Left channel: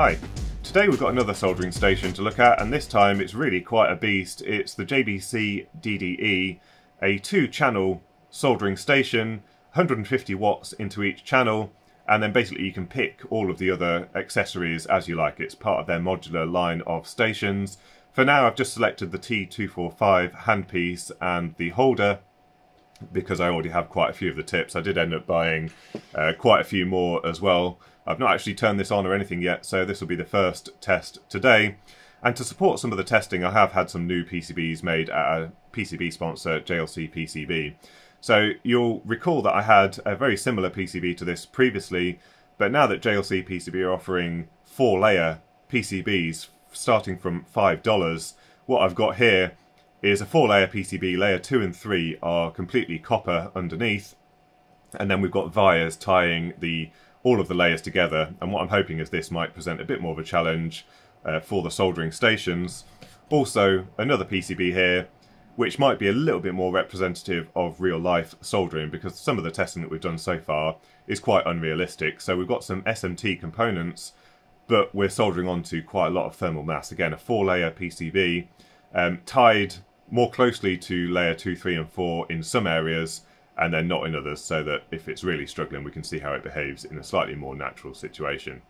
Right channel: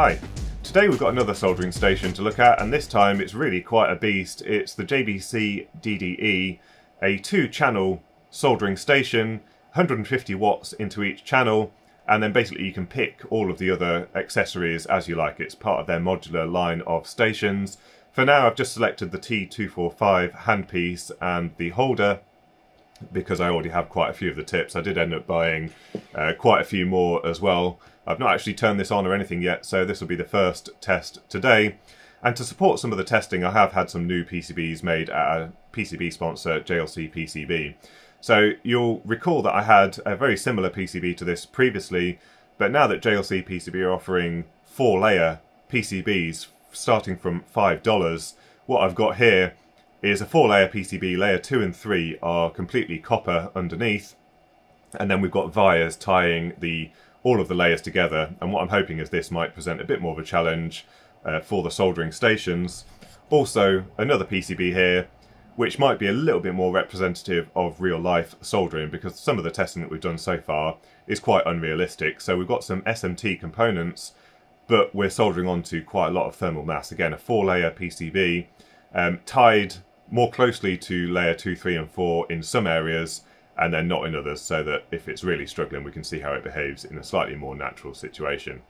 Hi, today we've got another soldering station to look at, and this time it's really quite a beast. It's the JBC DDE, a 2-channel soldering station, 150 watts into each channel, and then basically you can pick all of the other accessories as you like. It's part of their modular line of stations. For now I've just selected the T245 handpiece and the holder because I already have quite a few of the tips. I did end up buying quite a few more as well. I've not actually turned this on or anything yet, so this will be the first test today. And to support some of the testing, I have had some new PCBs made at a PCB sponsor, JLCPCB. So you'll recall that I had a very similar PCB to this previously, but now that JLCPCB are offering 4-layer PCBs starting from $5, what I've got here is a 4-layer PCB. Layer 2 and 3 are completely copper underneath, and then we've got wires tying all of the layers together, and what I'm hoping is this might present a bit more of a challenge for the soldering stations. Also another PCB here which might be a little bit more representative of real life soldering, because some of the testing that we've done so far is quite unrealistic. So we've got some SMT components, but we're soldering onto quite a lot of thermal mass. Again, a 4-layer PCB tied more closely to layer 2, 3 and 4 in some areas, and then not in others, so that if it's really struggling we can see how it behaves in a slightly more natural situation.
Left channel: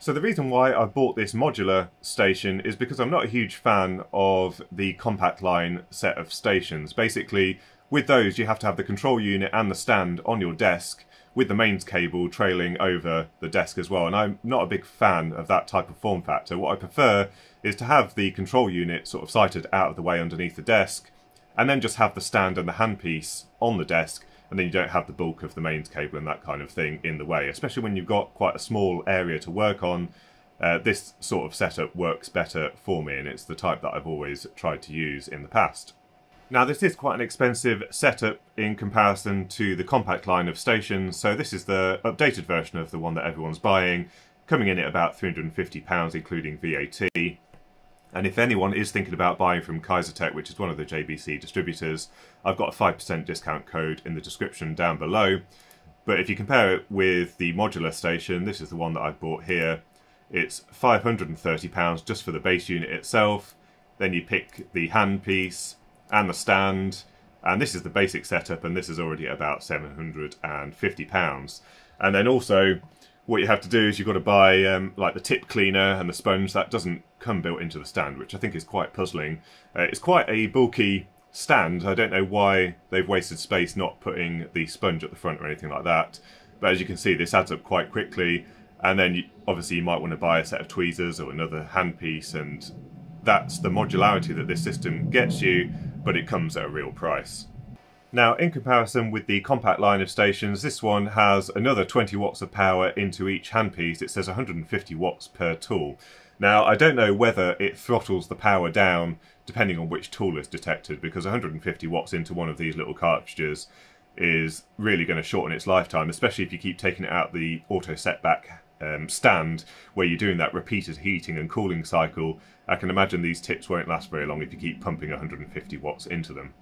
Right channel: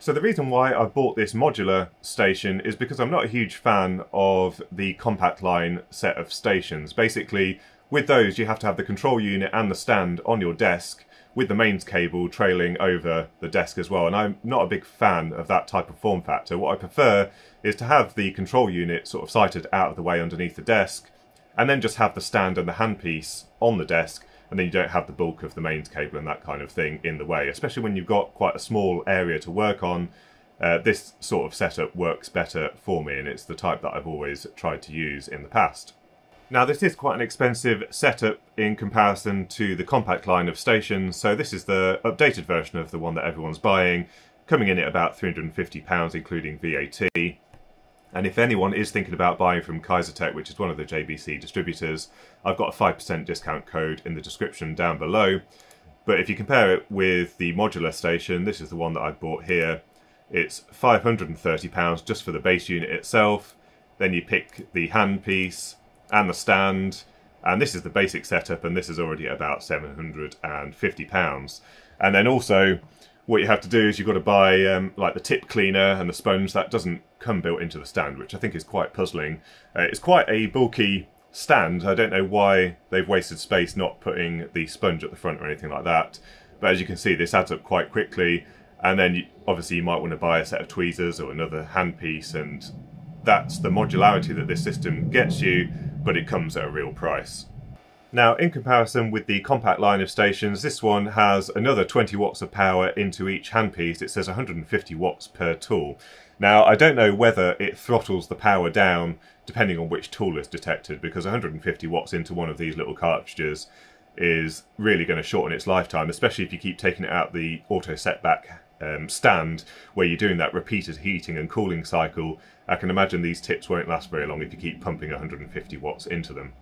So the reason why I bought this modular station is because I'm not a huge fan of the compact line set of stations. Basically, with those you have to have the control unit and the stand on your desk, with the mains cable trailing over the desk as well, and I'm not a big fan of that type of form factor. What I prefer is to have the control unit sort of sighted out of the way underneath the desk, and then just have the stand and the handpiece on the desk, and then you don't have the bulk of the mains cable and that kind of thing in the way. Especially when you've got quite a small area to work on, this sort of setup works better for me, and it's the type that I've always tried to use in the past. Now this is quite an expensive setup in comparison to the compact line of stations, so this is the updated version of the one that everyone's buying, coming in at about £350 including VAT. And if anyone is thinking about buying from Kaisertech, which is one of the JBC distributors, I've got a 5% discount code in the description down below. But if you compare it with the modular station, this is the one that I bought here, it's £530 just for the base unit itself. Then you pick the handpiece and the stand, and this is the basic setup, and this is already about £750. And then also what you have to do is you've got to buy like the tip cleaner and the sponge. That doesn't come built into the stand, which I think is quite puzzling. It's quite a bulky stand. I don't know why they've wasted space not putting the sponge at the front or anything like that, but as you can see this adds up quite quickly. And then obviously you might want to buy a set of tweezers or another handpiece, and that's the modularity that this system gets you, but it comes at a real price. Now, in comparison with the compact line of stations, this one has another 20 watts of power into each handpiece. It says 150 watts per tool. Now, I don't know whether it throttles the power down depending on which tool is detected, because 150 watts into one of these little cartridges is really going to shorten its lifetime, especially if you keep taking it out the auto setback stand where you're doing that repeated heating and cooling cycle. I can imagine these tips won't last very long if you keep pumping 150 watts into them.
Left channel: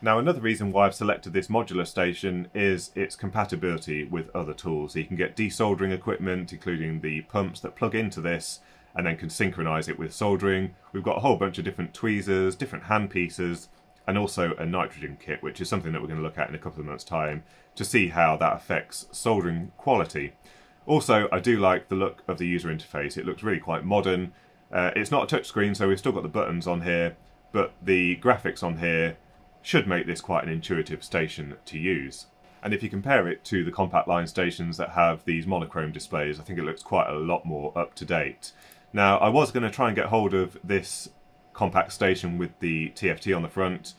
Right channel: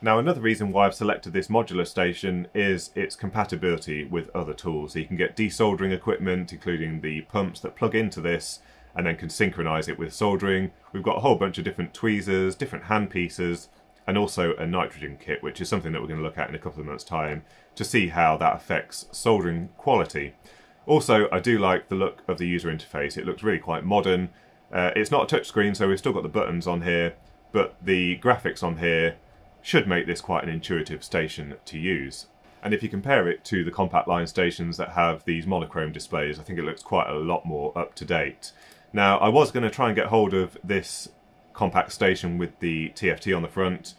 Now, another reason why I've selected this modular station is its compatibility with other tools. So you can get desoldering equipment, including the pumps that plug into this, and then can synchronize it with soldering. We've got a whole bunch of different tweezers, different handpieces, and also a nitrogen kit, which is something that we're going to look at in a couple of months' time to see how that affects soldering quality. Also, I do like the look of the user interface. It looks really quite modern. It's not a touchscreen, so we've still got the buttons on here, but the graphics on here should make this quite an intuitive station to use. And if you compare it to the compact line stations that have these monochrome displays, I think it looks quite a lot more up to date. Now, I was going to try and get hold of this compact station with the TFT on the front,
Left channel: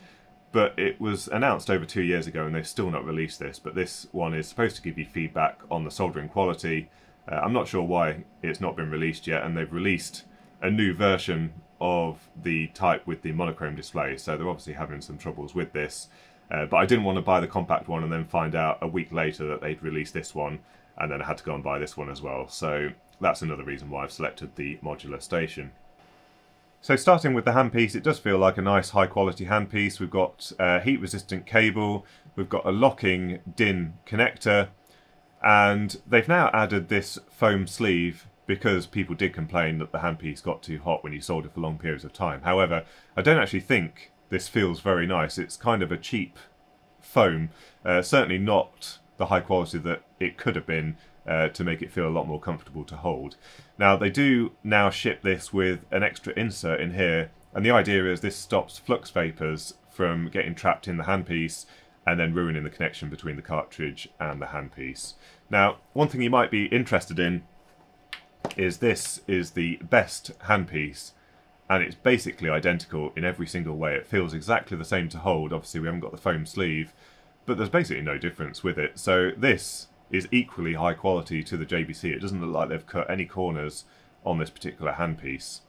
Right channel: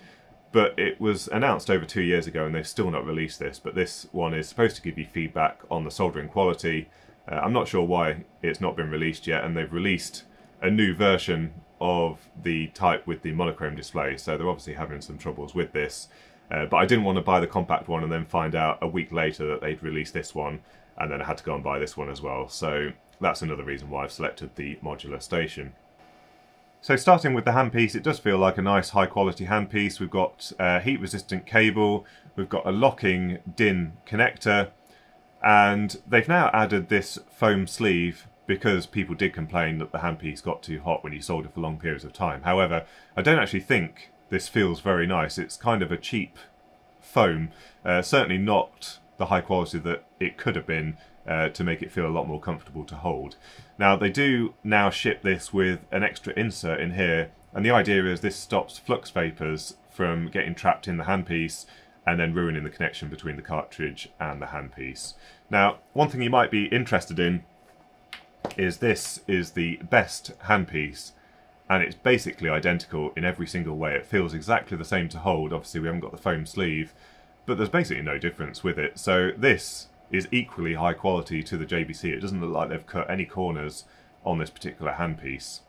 but it was announced over 2 years ago and they've still not released this. But this one is supposed to give you feedback on the soldering quality. I'm not sure why it's not been released yet, and they've released a new version of the type with the monochrome display, so they're obviously having some troubles with this. But I didn't want to buy the compact one and then find out a week later that they'd released this one, and then I had to go and buy this one as well. So that's another reason why I've selected the modular station. So starting with the handpiece, it does feel like a nice high quality handpiece. We've got a heat resistant cable, we've got a locking DIN connector, and they've now added this foam sleeve because people did complain that the handpiece got too hot when you solder for long periods of time. However, I don't actually think this feels very nice. It's kind of a cheap foam, certainly not the high quality that it could have been to make it feel a lot more comfortable to hold. Now they do now ship this with an extra insert in here, and the idea is this stops flux vapours from getting trapped in the handpiece and then ruining the connection between the cartridge and the handpiece. Now, one thing you might be interested in is this is the best handpiece, and it's basically identical in every single way. It feels exactly the same to hold. Obviously we haven't got the foam sleeve, but there's basically no difference with it. So this is equally high quality to the JBC. It doesn't look like they've cut any corners on this particular handpiece.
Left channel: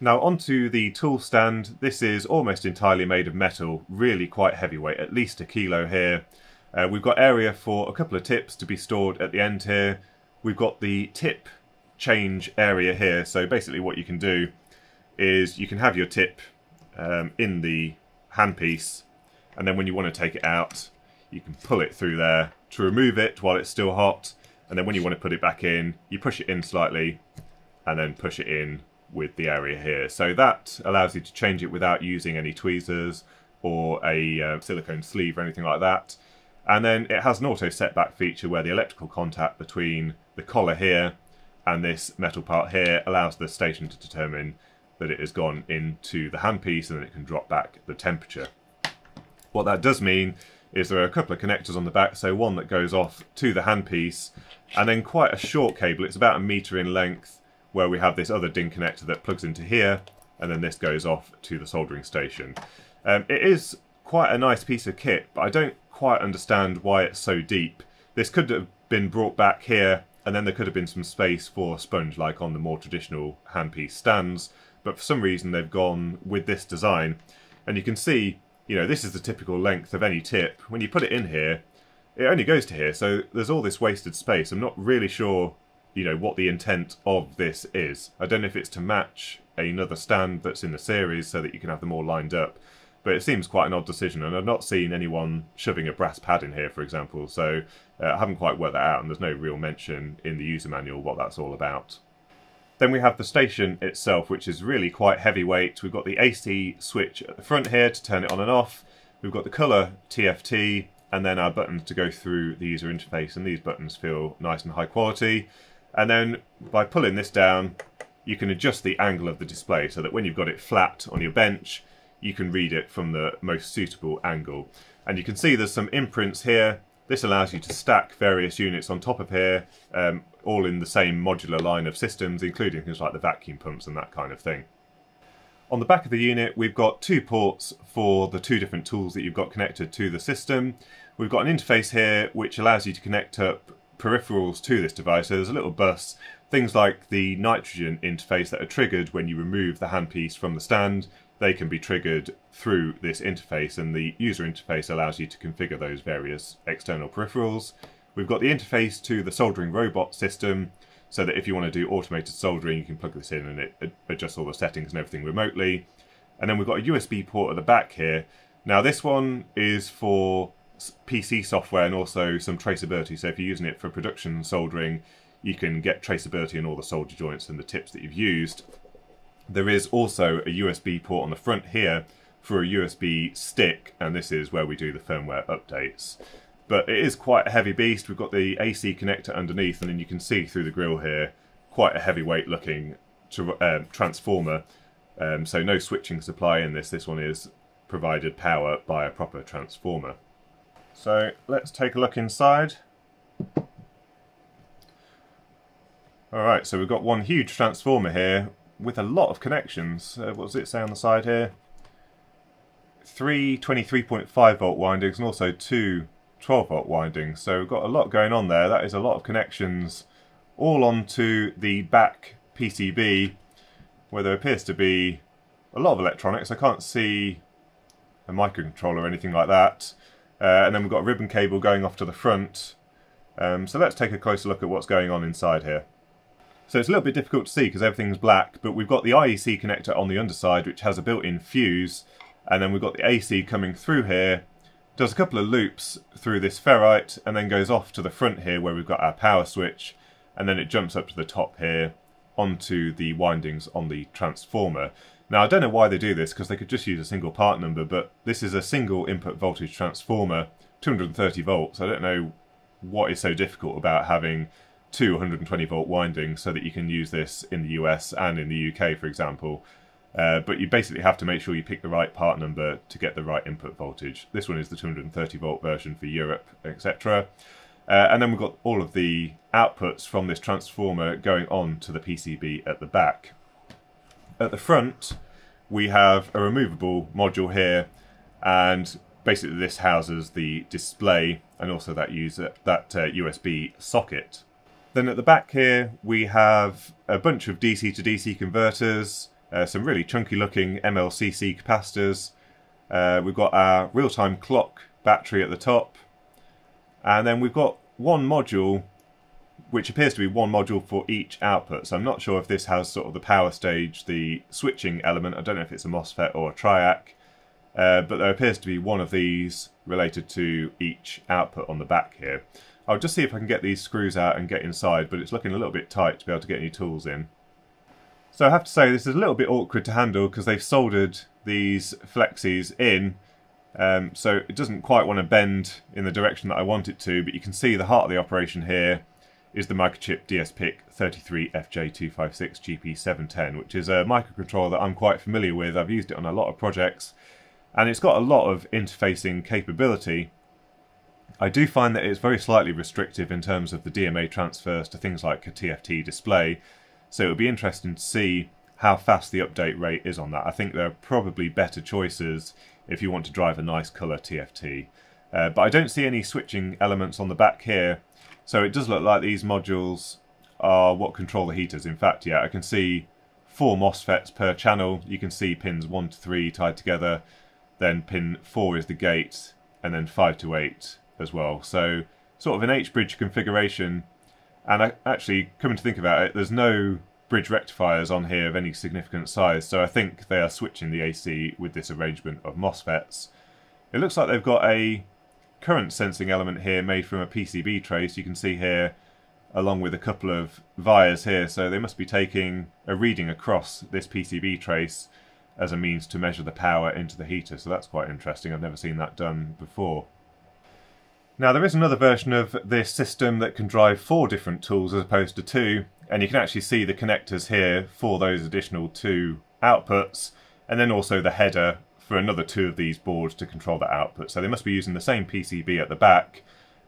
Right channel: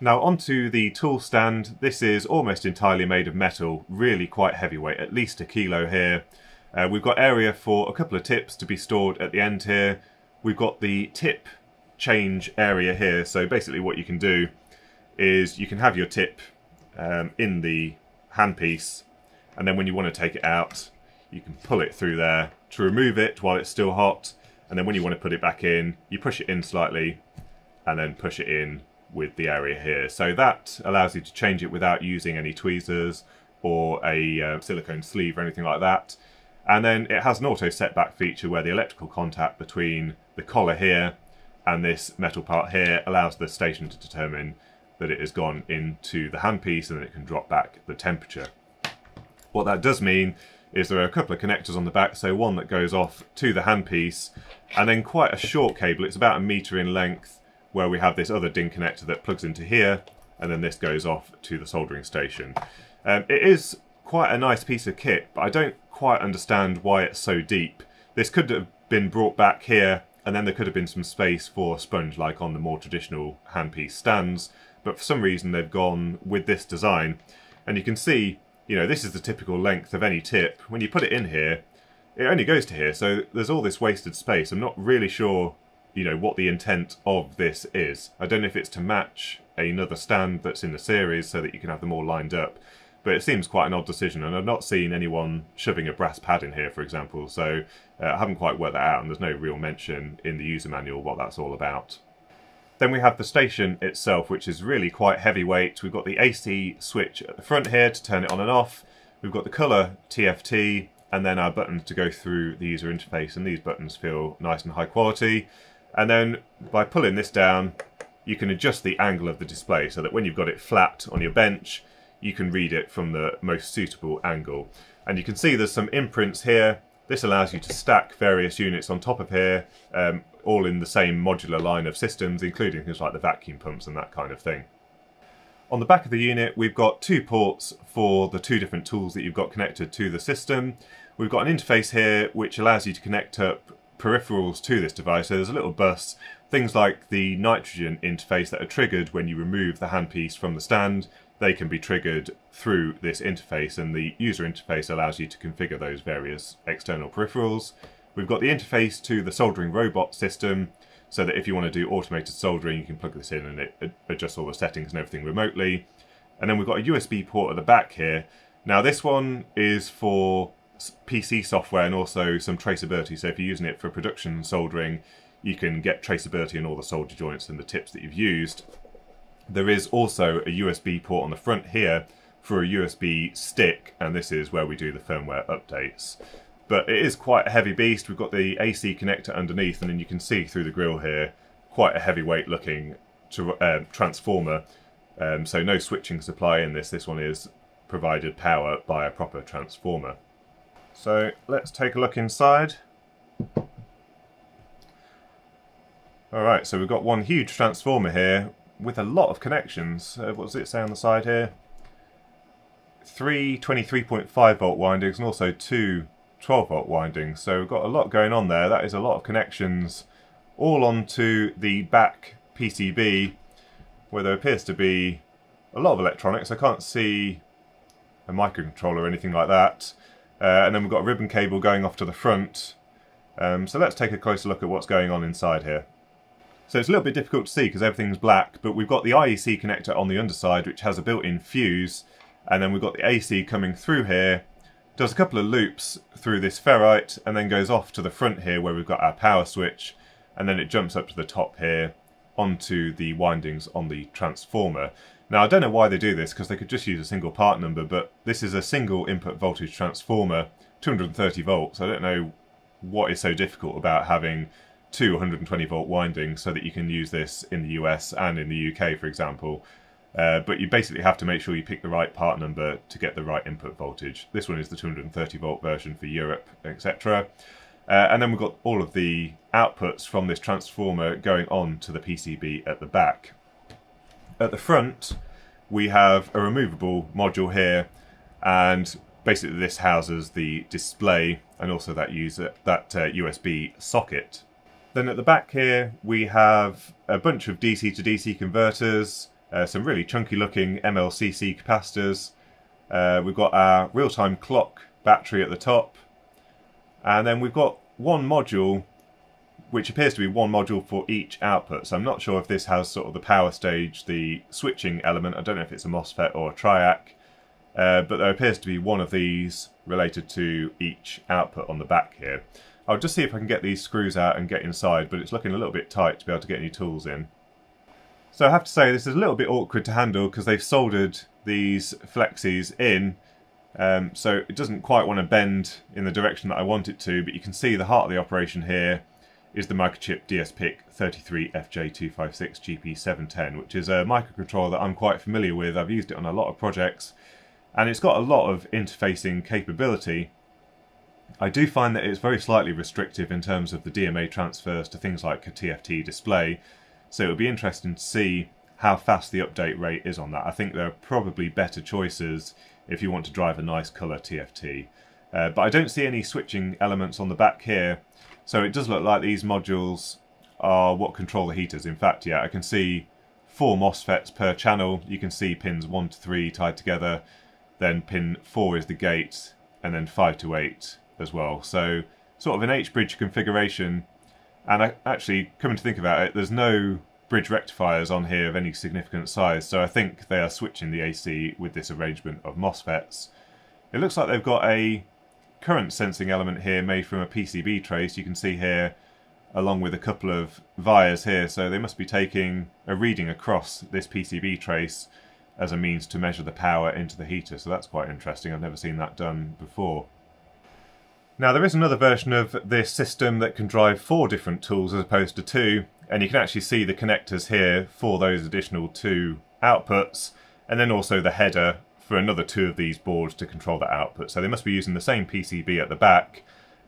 Now onto the tool stand. This is almost entirely made of metal, really quite heavyweight, at least 1 kilo here. We've got area for a couple of tips to be stored at the end here. We've got the tip change area here, so basically what you can do is you can have your tip in the handpiece, and then when you want to take it out you can pull it through there to remove it while it's still hot, and then when you want to put it back in you push it in slightly and then push it in with the area here. So that allows you to change it without using any tweezers or a silicone sleeve or anything like that. And then it has an auto setback feature where the electrical contact between the collar here and this metal part here allows the station to determine that it has gone into the handpiece, and then it can drop back the temperature. What that does mean is there are a couple of connectors on the back, so one that goes off to the handpiece, and then quite a short cable, it's about 1 metre in length, where we have this other DIN connector that plugs into here, and then this goes off to the soldering station. It is quite a nice piece of kit, but I don't quite understand why it's so deep. This could have been brought back here, and then there could have been some space for sponge like on the more traditional handpiece stands, but for some reason they've gone with this design. And you can see, you know, this is the typical length of any tip. When you put it in here, it only goes to here, so there's all this wasted space. I'm not really sure, you know, what the intent of this is. I don't know if it's to match another stand that's in the series so that you can have them all lined up, but it seems quite an odd decision, and I've not seen anyone shoving a brass pad in here, for example, so I haven't quite worked that out, and there's no real mention in the user manual what that's all about. Then we have the station itself, which is really quite heavyweight. We've got the AC switch at the front here to turn it on and off. We've got the colour TFT, and then our buttons to go through the user interface, and these buttons feel nice and high quality. And then by pulling this down, you can adjust the angle of the display so that when you've got it flat on your bench, you can read it from the most suitable angle. And you can see there's some imprints here. This allows you to stack various units on top of here, all in the same modular line of systems, including things like the vacuum pumps and that kind of thing. On the back of the unit, we've got 2 ports for the 2 different tools that you've got connected to the system. We've got an interface here which allows you to connect up peripherals to this device. So there's a little bus, things like the nitrogen interface that are triggered when you remove the handpiece from the stand. They can be triggered through this interface, and the user interface allows you to configure those various external peripherals. We've got the interface to the soldering robot system, so that if you want to do automated soldering, you can plug this in and it adjusts all the settings and everything remotely. And then we've got a USB port at the back here. Now this one is for PC software and also some traceability, so if you're using it for production soldering, you can get traceability on all the solder joints and the tips that you've used. There is also a USB port on the front here for a USB stick, and this is where we do the firmware updates. But it is quite a heavy beast. We've got the AC connector underneath, and then you can see through the grill here, quite a heavyweight looking transformer. So no switching supply in this. This one is provided power by a proper transformer. So let's take a look inside. Alright, so we've got one huge transformer here with a lot of connections. What does it say on the side here? 3 23.5 volt windings and also 2 12 volt windings. So we've got a lot going on there. That is a lot of connections all onto the back PCB, where there appears to be a lot of electronics. I can't see a microcontroller or anything like that. And then we've got a ribbon cable going off to the front. So let's take a closer look at what's going on inside here. So it's a little bit difficult to see because everything's black, but we've got the IEC connector on the underside, which has a built-in fuse, and then we've got the AC coming through here, does a couple of loops through this ferrite, and then goes off to the front here where we've got our power switch, and then it jumps up to the top here, onto the windings on the transformer. Now I don't know why they do this, because they could just use a single part number, but this is a single input voltage transformer, 230 volts. I don't know what is so difficult about having two 120 volt windings so that you can use this in the US and in the UK, for example. But you basically have to make sure you pick the right part number to get the right input voltage. This one is the 230 volt version for Europe, etc. And then we've got all of the outputs from this transformer going on to the PCB at the back. At the front, we have a removable module here, and basically this houses the display and also that USB socket. Then at the back here, we have a bunch of DC to DC converters, some really chunky looking MLCC capacitors. We've got our real-time clock battery at the top, and then we've got one module which appears to be one module for each output. So I'm not sure if this has sort of the power stage, the switching element. I don't know if it's a MOSFET or a triac, but there appears to be one of these related to each output on the back here. I'll just see if I can get these screws out and get inside, but it's looking a little bit tight to be able to get any tools in. So I have to say this is a little bit awkward to handle because they've soldered these flexes in, so it doesn't quite want to bend in the direction that I want it to, but you can see the heart of the operation here is the microchip DSPIC 33FJ256 GP710, which is a microcontroller that I'm quite familiar with. I've used it on a lot of projects, and it's got a lot of interfacing capability. I do find that it's very slightly restrictive in terms of the DMA transfers to things like a TFT display, so it would be interesting to see how fast the update rate is on that. I think there are probably better choices if you want to drive a nice colour TFT. But I don't see any switching elements on the back here, so it does look like these modules are what control the heaters. In fact, yeah, I can see 4 MOSFETs per channel. You can see pins 1 to 3 tied together, then pin 4 is the gate, and then 5 to 8 as well. So sort of an H-bridge configuration, and actually, coming to think about it, there's no bridge rectifiers on here of any significant size, so I think they are switching the AC with this arrangement of MOSFETs. It looks like they've got a current sensing element here made from a PCB trace. You can see here, along with a couple of vias here, so they must be taking a reading across this PCB trace as a means to measure the power into the heater, so that's quite interesting. I've never seen that done before. Now there is another version of this system that can drive 4 different tools as opposed to 2, and you can actually see the connectors here for those additional 2 outputs, and then also the header for another 2 of these boards to control the output. So they must be using the same PCB at the back,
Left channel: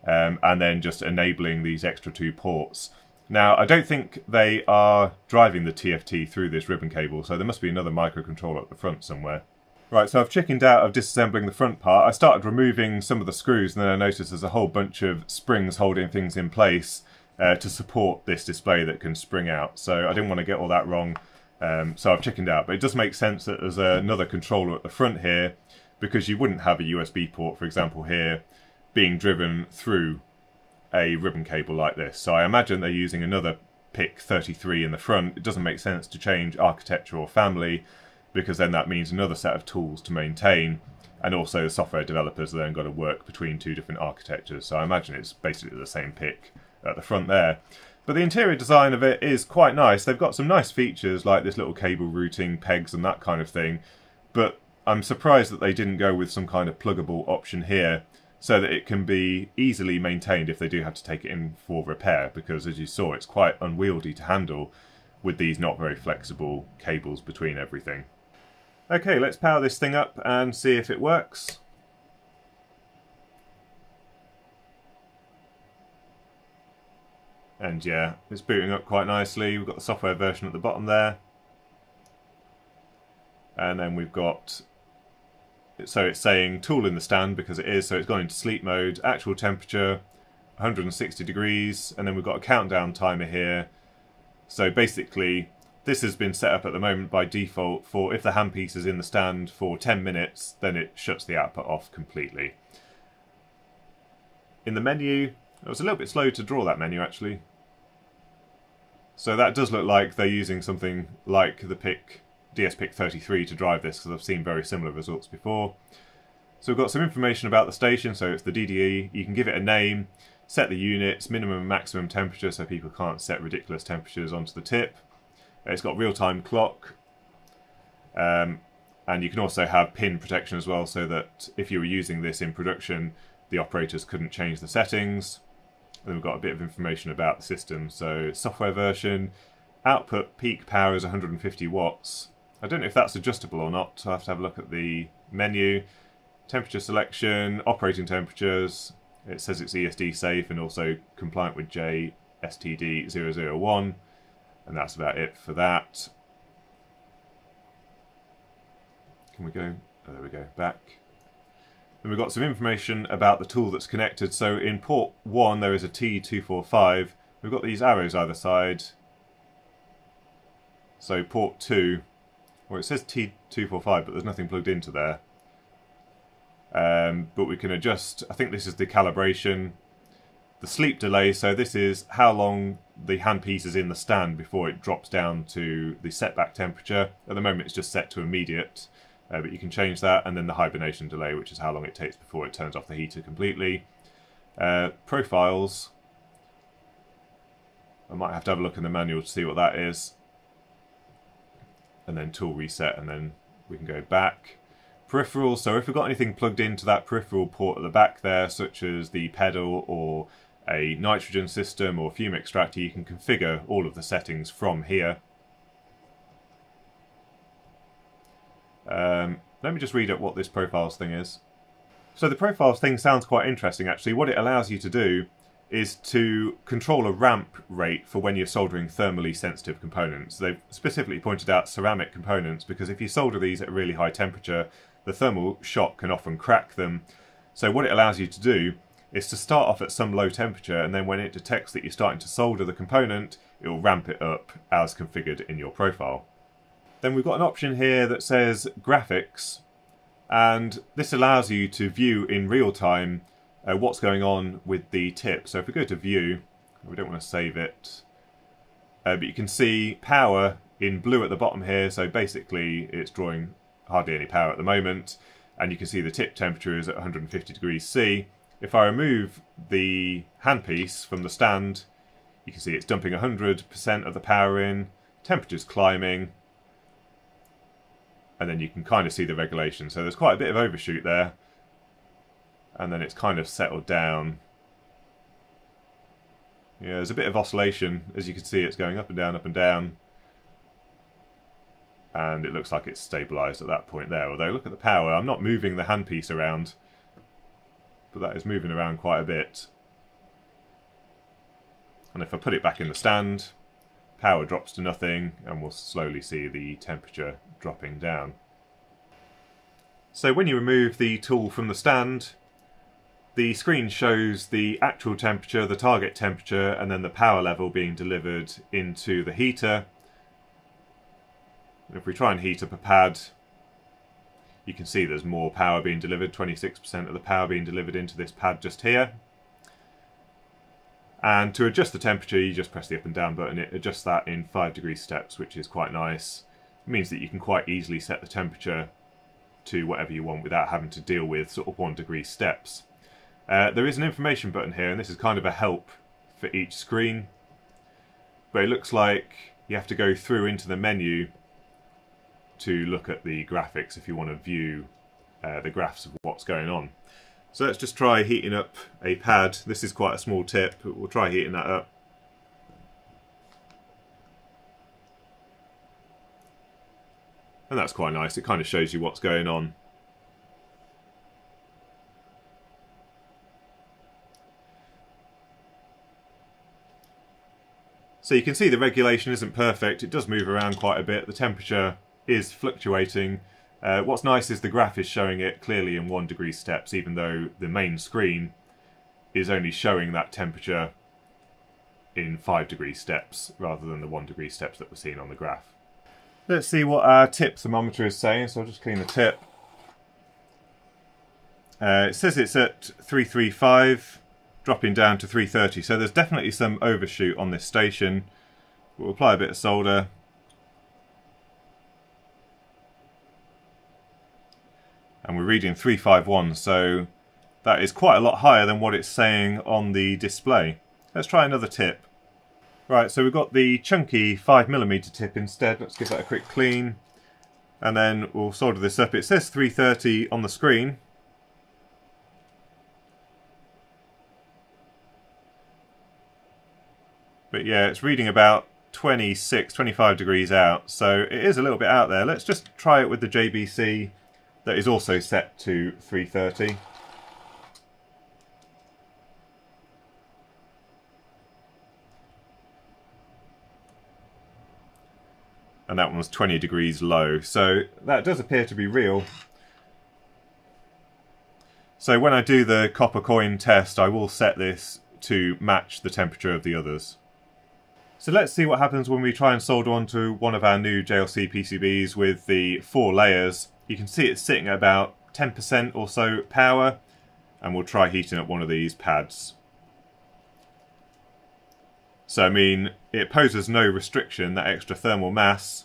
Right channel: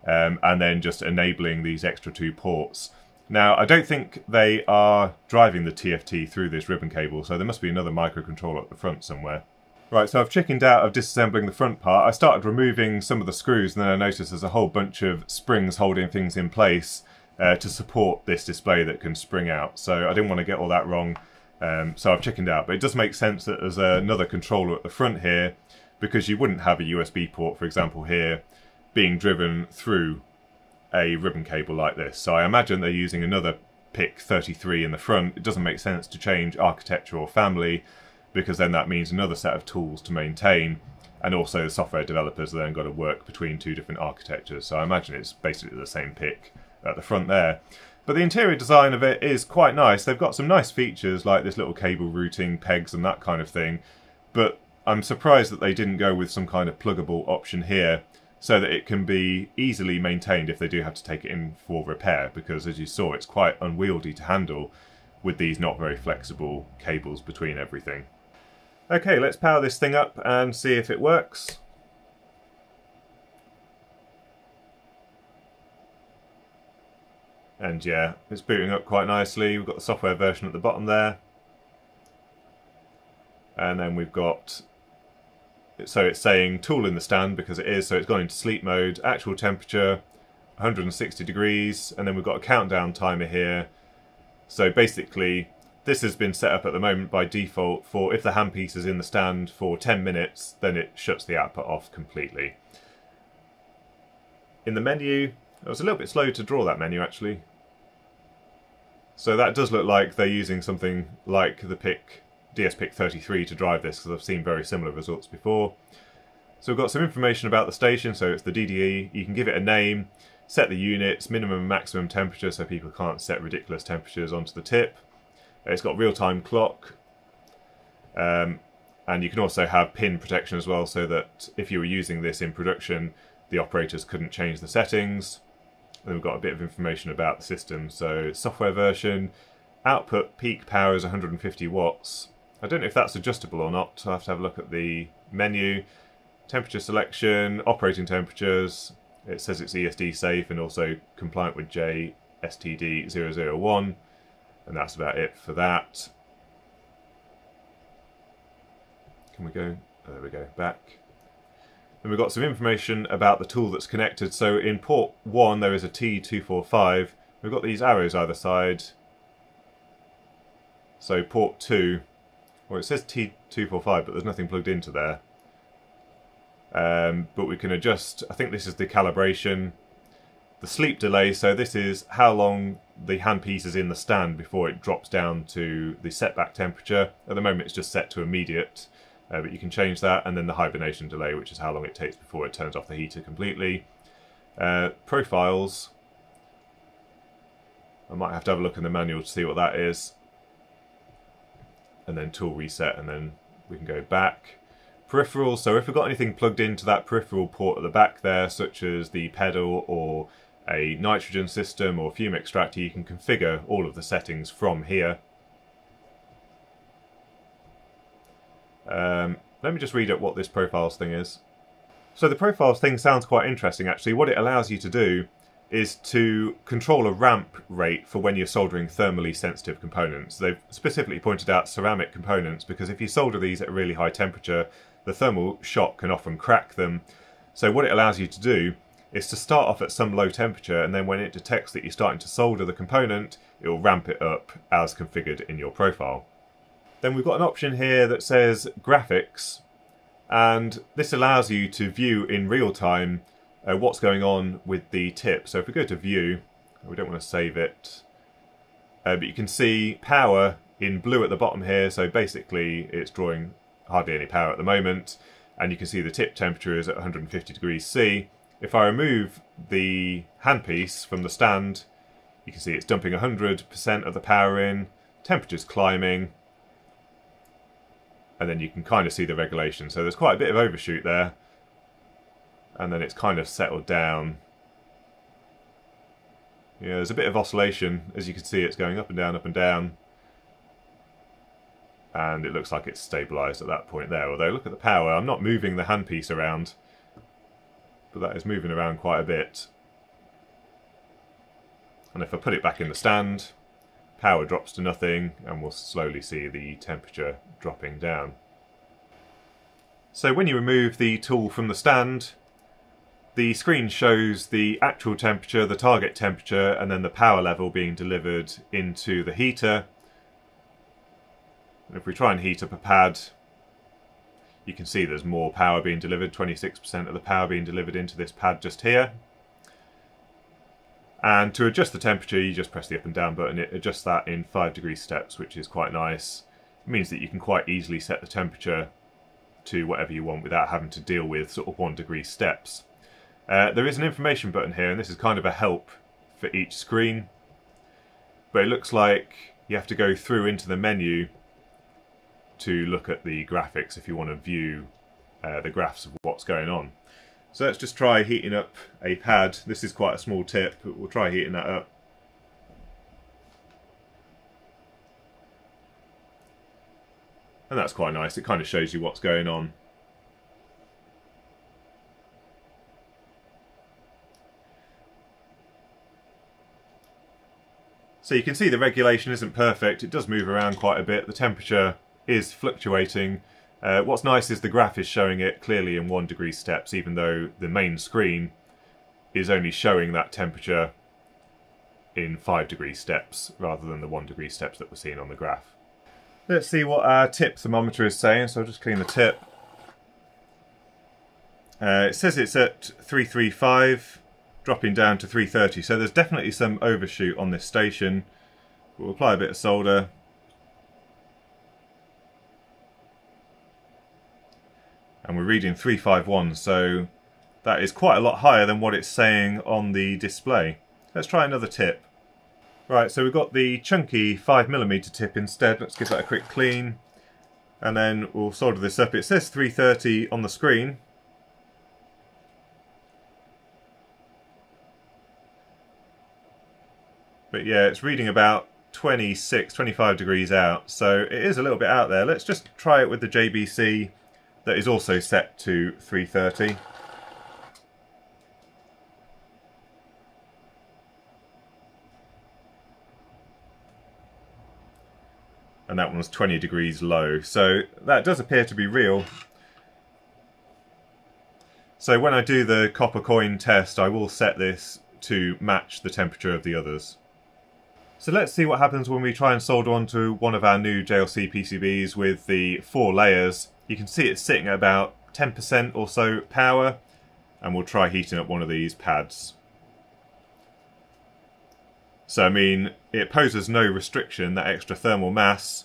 and then just enabling these extra 2 ports. Now I don't think they are driving the TFT through this ribbon cable, so there must be another microcontroller at the front somewhere. Right, so I've chickened out of disassembling the front part. I started removing some of the screws, and then I noticed there's a whole bunch of springs holding things in place to support this display that can spring out. So I didn't want to get all that wrong, so I've chickened out. But it does make sense that there's another controller at the front here, because you wouldn't have a USB port, for example, here, being driven through a ribbon cable like this. So I imagine they're using another PIC 33 in the front. It doesn't make sense to change architecture or family, because then that means another set of tools to maintain, and also the software developers have then got to work between 2 different architectures. So I imagine it's basically the same PIC at the front there. But the interior design of it is quite nice. They've got some nice features like this little cable routing, pegs and that kind of thing, but I'm surprised that they didn't go with some kind of pluggable option here so that it can be easily maintained if they do have to take it in for repair, because as you saw, it's quite unwieldy to handle with these not very flexible cables between everything. Okay, let's power this thing up and see if it works. And yeah, it's booting up quite nicely. We've got the software version at the bottom there. And then we've got, so it's saying tool in the stand because it is, so it's gone into sleep mode, actual temperature 160 degrees, and then we've got a countdown timer here. So basically, this has been set up at the moment by default for if the handpiece is in the stand for 10 minutes, then it shuts the output off completely. In the menu, it was a little bit slow to draw that menu actually. So that does look like they're using something like the DSPIC 33 to drive this, because I've seen very similar results before. So we've got some information about the station, so it's the DDE. You can give it a name, set the units, minimum and maximum temperature so people can't set ridiculous temperatures onto the tip. It's got real-time clock, and you can also have pin protection as well, so that if you were using this in production, the operators couldn't change the settings. Then we've got a bit of information about the system. So software version, output peak power is 150 watts. I don't know if that's adjustable or not. I'll have to have a look at the menu. Temperature selection, operating temperatures. It says it's ESD safe and also compliant with JSTD 001. And that's about it for that. Can we go? Oh, there we go, back. Then we've got some information about the tool that's connected. So in port 1 there is a T245. We've got these arrows either side. So port 2, well it says T245 but there's nothing plugged into there. But we can adjust, I think this is the calibration. The sleep delay, so this is how long the handpiece is in the stand before it drops down to the setback temperature. At the moment it's just set to immediate. But you can change that, and then the hibernation delay, which is how long it takes before it turns off the heater completely. Profiles. I might have to have a look in the manual to see what that is. And then tool reset, and then we can go back. Peripherals, so if we've got anything plugged into that peripheral port at the back there, such as the pedal or a nitrogen system or fume extractor, you can configure all of the settings from here. Let me just read up what this profiles thing is. So the profiles thing sounds quite interesting actually. What it allows you to do is to control a ramp rate for when you're soldering thermally sensitive components. They've specifically pointed out ceramic components because if you solder these at a really high temperature, the thermal shock can often crack them. So what it allows you to do is to start off at some low temperature, and then when it detects that you're starting to solder the component, it will ramp it up as configured in your profile. Then we've got an option here that says graphics, and this allows you to view in real time what's going on with the tip. So if we go to view, we don't want to save it, but you can see power in blue at the bottom here, so basically it's drawing hardly any power at the moment, and you can see the tip temperature is at 150 degrees C. If I remove the handpiece from the stand, you can see it's dumping 100% of the power in, temperature's climbing, and then you can kind of see the regulation. So there's quite a bit of overshoot there, and then it's kind of settled down. Yeah, there's a bit of oscillation. As you can see, it's going up and down, and it looks like it's stabilised at that point there. Although look at the power, I'm not moving the handpiece around, but that is moving around quite a bit. And if I put it back in the stand, power drops to nothing, and we'll slowly see the temperature dropping down. So when you remove the tool from the stand, the screen shows the actual temperature, the target temperature, and then the power level being delivered into the heater. And if we try and heat up a pad, you can see there's more power being delivered, 26% of the power being delivered into this pad just here. And to adjust the temperature, you just press the up and down button. It adjusts that in 5 degree steps, which is quite nice. It means that you can quite easily set the temperature to whatever you want without having to deal with sort of 1 degree steps. There is an information button here, and this is kind of a help for each screen. But it looks like you have to go through into the menu to look at the graphics if you want to view the graphs of what's going on. So let's just try heating up a pad. This is quite a small tip, but we'll try heating that up. And that's quite nice. It kind of shows you what's going on. So you can see the regulation isn't perfect. It does move around quite a bit. The temperature is fluctuating. What's nice is the graph is showing it clearly in 1 degree steps, even though the main screen is only showing that temperature in 5 degree steps rather than the 1 degree steps that we're seeing on the graph. Let's see what our tip thermometer is saying, so I'll just clean the tip. It says it's at 335, dropping down to 330, so there's definitely some overshoot on this station. We'll apply a bit of solder. And we're reading 351, so that is quite a lot higher than what it's saying on the display. Let's try another tip. Right, so we've got the chunky 5mm tip instead. Let's give that a quick clean. And then we'll solder this up. It says 330 on the screen. But yeah, it's reading about 26, 25 degrees out. So it is a little bit out there. Let's just try it with the JBC that is also set to 330. And that one was 20 degrees low, so that does appear to be real. So when I do the copper coin test, I will set this to match the temperature of the others. So let's see what happens when we try and solder onto one of our new JLC PCBs with the 4 layers. You can see it's sitting at about 10% or so power, and we'll try heating up one of these pads. So I mean, it poses no restriction, that extra thermal mass,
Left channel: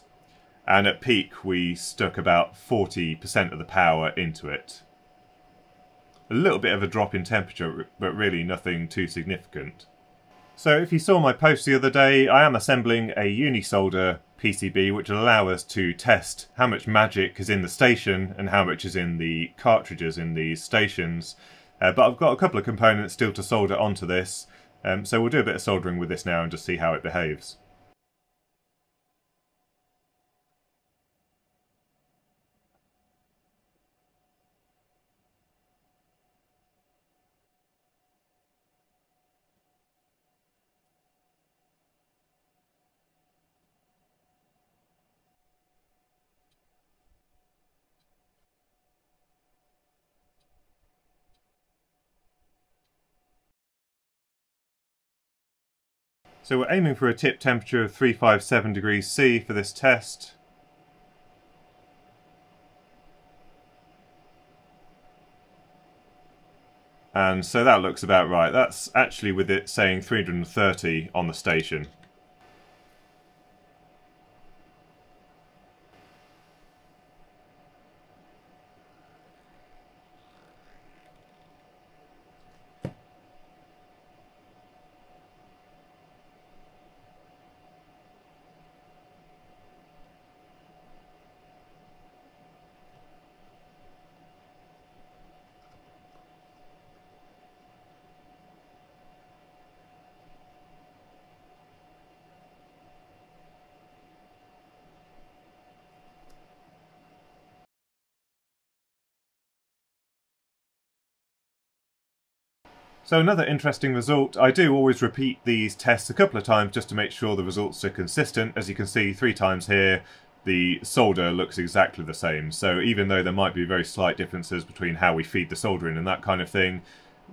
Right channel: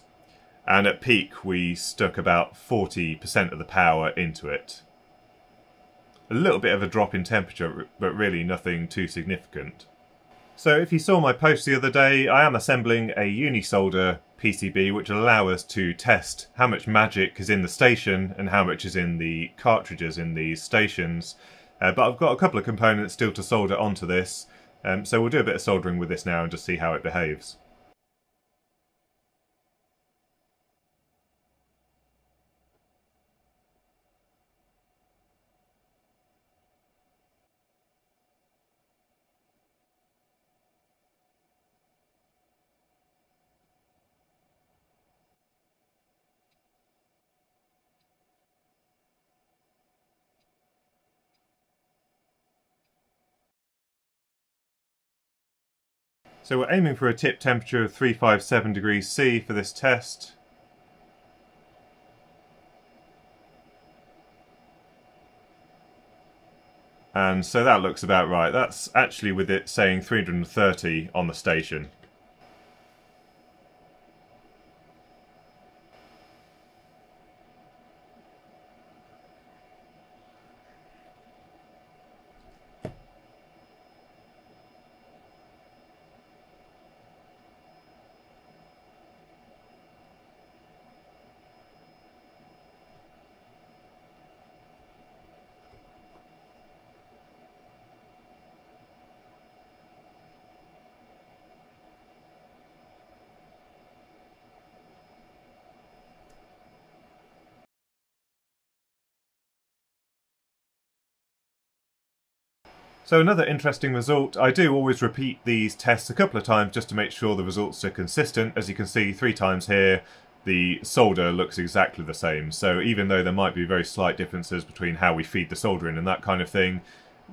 and at peak we stuck about 40% of the power into it. A little bit of a drop in temperature, but really nothing too significant. So if you saw my post the other day, I am assembling a UniSolder PCB which will allow us to test how much magic is in the station and how much is in the cartridges in these stations. But I've got a couple of components still to solder onto this. So we'll do a bit of soldering with this now and just see how it behaves. So we're aiming for a tip temperature of 357 degrees C for this test. And so that looks about right. That's actually with it saying 330 on the station. So another interesting result, I do always repeat these tests a couple of times just to make sure the results are consistent. As you can see 3 times here, the solder looks exactly the same. So even though there might be very slight differences between how we feed the solder in and that kind of thing,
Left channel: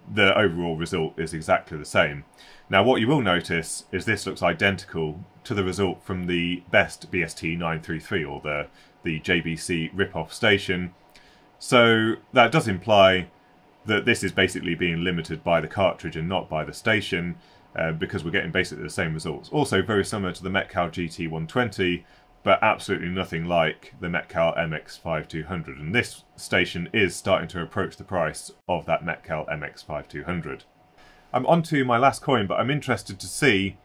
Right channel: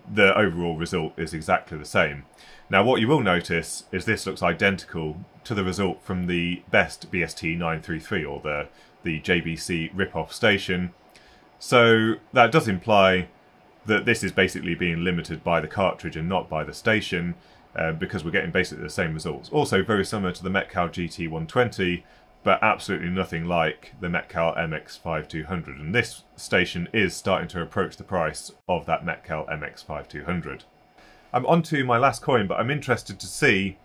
the overall result is exactly the same. Now what you will notice is this looks identical to the result from the best BST933 or the JBC rip-off station. So that does imply that this is basically being limited by the cartridge and not by the station, because we're getting basically the same results. Also very similar to the Metcal GT120, but absolutely nothing like the Metcal MX5200. And this station is starting to approach the price of that Metcal MX5200. I'm on to my last coin, but I'm interested to see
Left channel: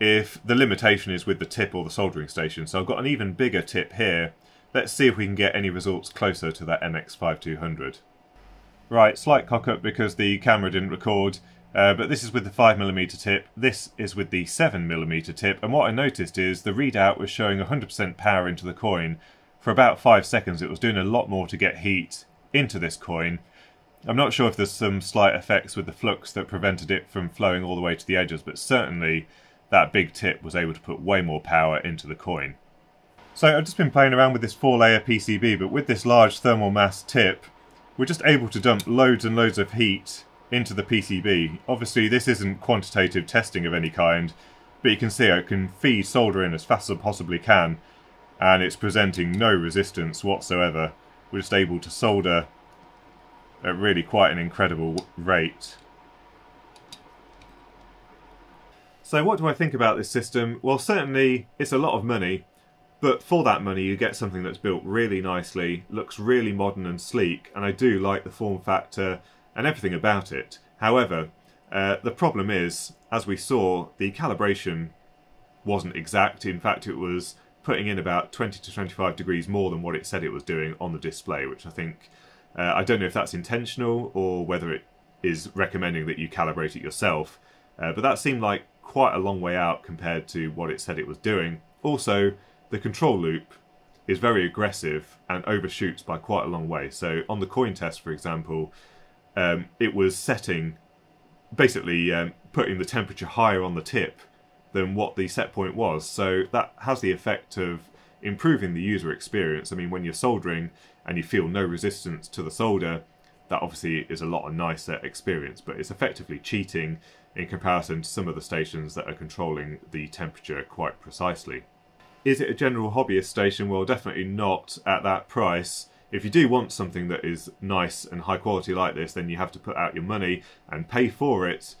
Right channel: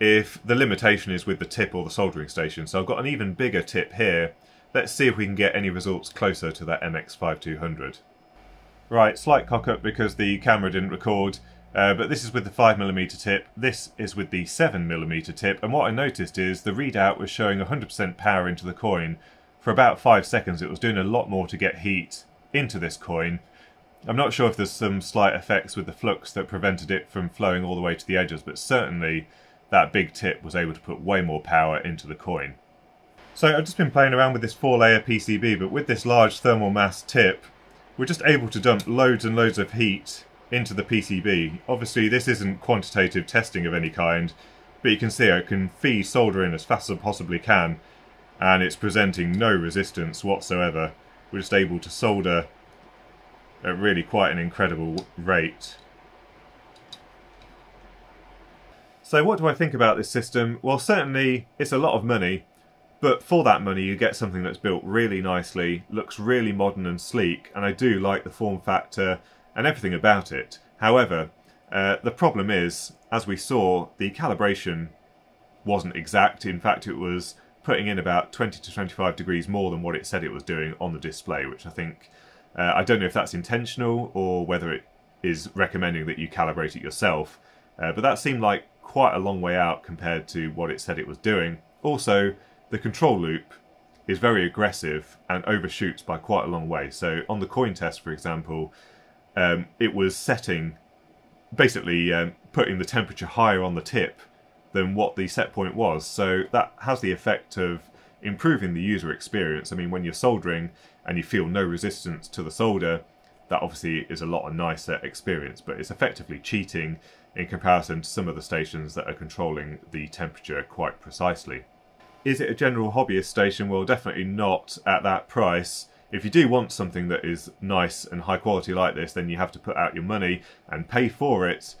if the limitation is with the tip or the soldering station. So I've got an even bigger tip here. Let's see if we can get any results closer to that MX5200. Right, slight cock up because the camera didn't record, but this is with the 5mm tip, this is with the 7mm tip, and what I noticed is the readout was showing 100% power into the coin. For about 5 seconds it was doing a lot more to get heat into this coin. I'm not sure if there's some slight effects with the flux that prevented it from flowing all the way to the edges, but certainly that big tip was able to put way more power into the coin. So I've just been playing around with this 4-layer PCB, but with this large thermal mass tip, we're just able to dump loads and loads of heat into the PCB. Obviously this isn't quantitative testing of any kind, but you can see I can feed solder in as fast as I possibly can, and it's presenting no resistance whatsoever. We're just able to solder at really quite an incredible rate. So what do I think about this system? Well, certainly it's a lot of money, but for that money you get something that's built really nicely, looks really modern and sleek, and I do like the form factor and everything about it. However, the problem is, as we saw, the calibration wasn't exact. In fact, it was putting in about 20 to 25 degrees more than what it said it was doing on the display, which I think, I don't know if that's intentional or whether it is recommending that you calibrate it yourself, but that seemed like quite a long way out compared to what it said it was doing. Also, the control loop is very aggressive and overshoots by quite a long way. So on the coin test, for example, it was setting, basically putting the temperature higher on the tip than what the set point was. So that has the effect of improving the user experience. I mean, when you're soldering and you feel no resistance to the solder, that obviously is a lot nicer experience, but it's effectively cheating in comparison to some of the stations that are controlling the temperature quite precisely. Is it a general hobbyist station? Well, definitely not at that price. If you do want something that is nice and high quality like this, then you have to put out your money and pay for it.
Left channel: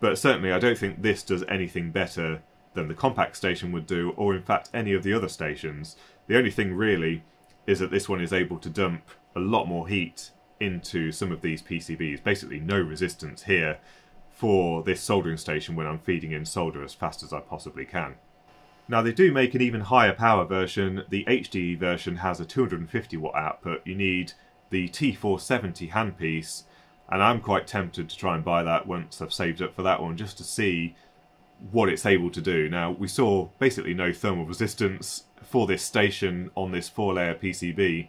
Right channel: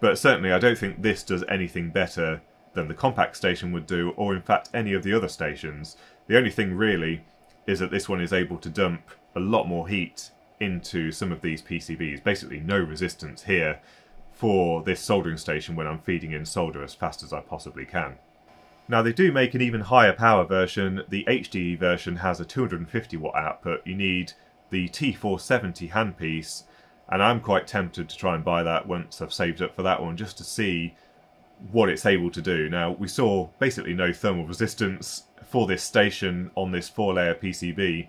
But certainly I don't think this does anything better than the compact station would do, or in fact any of the other stations. The only thing really is that this one is able to dump a lot more heat into some of these PCBs. Basically no resistance here for this soldering station when I'm feeding in solder as fast as I possibly can. Now they do make an even higher power version. The HDE version has a 250 watt output. You need the T240 handpiece, and I'm quite tempted to try and buy that once I've saved up for that one, just to see what it's able to do. Now we saw basically no thermal resistance for this station on this 4-layer PCB,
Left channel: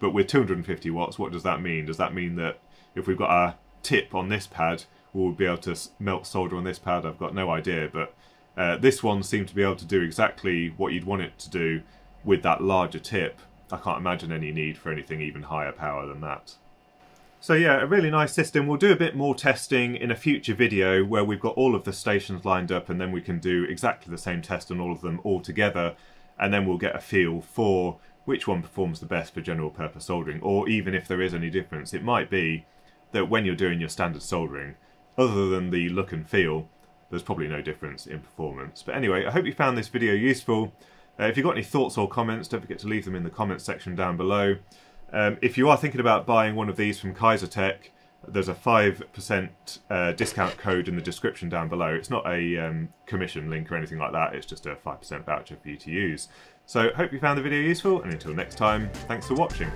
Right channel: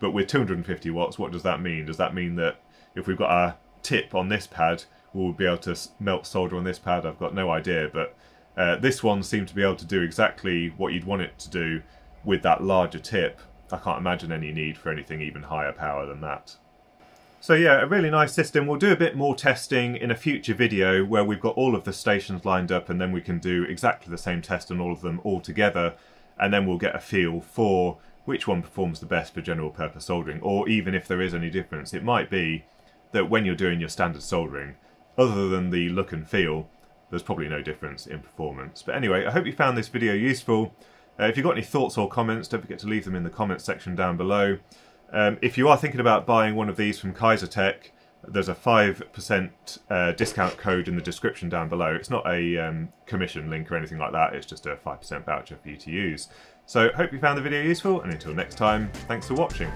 but with 250 watts, what does that mean? Does that mean that if we've got a tip on this pad, we'll be able to melt solder on this pad? I've got no idea, but this one seemed to be able to do exactly what you'd want it to do with that larger tip. I can't imagine any need for anything even higher power than that. So yeah, a really nice system. We'll do a bit more testing in a future video where we've got all of the stations lined up, and then we can do exactly the same test on all of them all together, and then we'll get a feel for which one performs the best for general purpose soldering, or even if there is any difference. It might be that when you're doing your standard soldering, other than the look and feel, there's probably no difference in performance. But anyway, I hope you found this video useful. If you've got any thoughts or comments, don't forget to leave them in the comments section down below. If you are thinking about buying one of these from Kaisertech, there's a 5% discount code in the description down below. It's not a commission link or anything like that, it's just a 5% voucher for you to use. So hope you found the video useful, and until next time, thanks for watching.